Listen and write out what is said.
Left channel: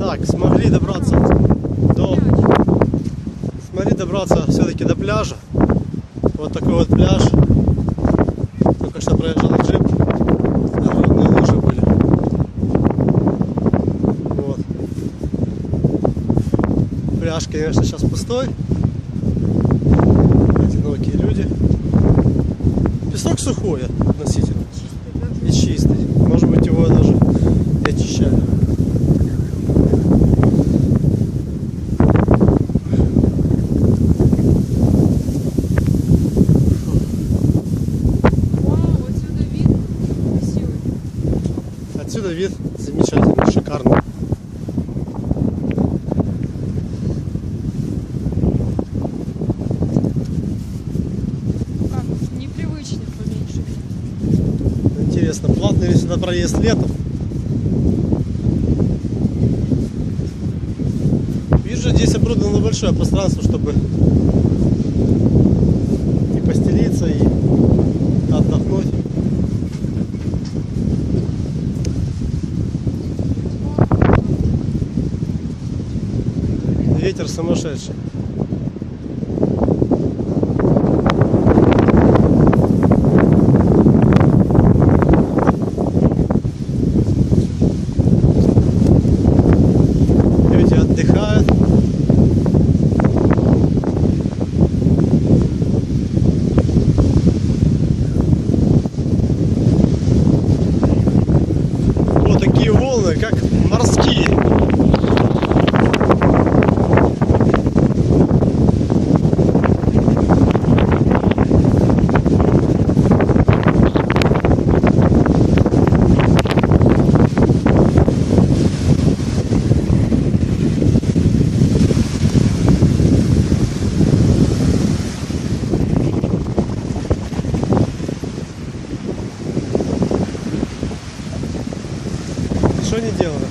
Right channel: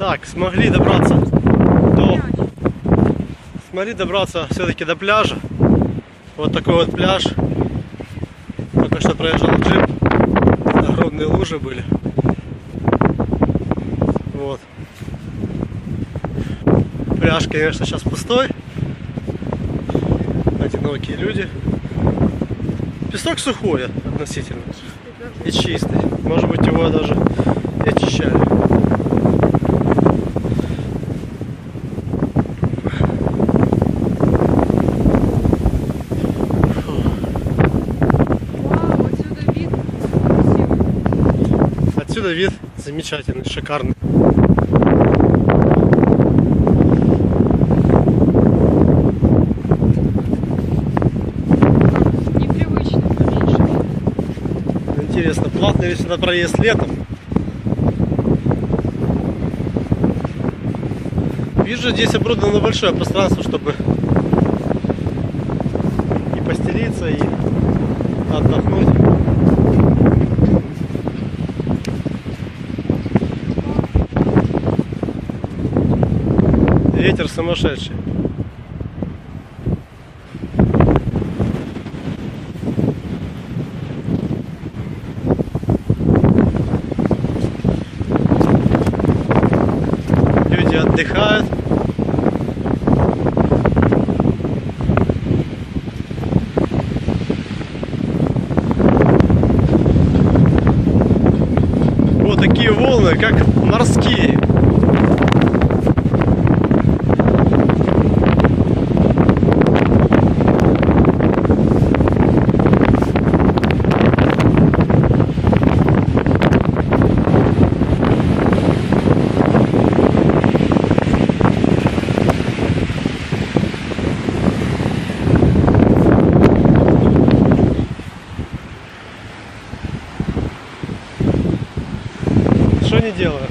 Так, смогли добраться все-таки до пляжа. Вот такой вот пляж. Только что проезжал джип. Огромные лужи были. Вот. Пляж, конечно, сейчас пустой. Одинокие люди. Песок сухой относительно. И чистый. Может быть, его даже и очищали. Отсюда вид замечательный, шикарный. Непривычно, конечно. Интересно, платный ли сюда проезд летом? Вижу, здесь оборудовано большое пространство, чтобы и постелиться, и отдохнуть. Ветер сумасшедший. Люди отдыхают. Вот такие волны, как морские. Что не делаю?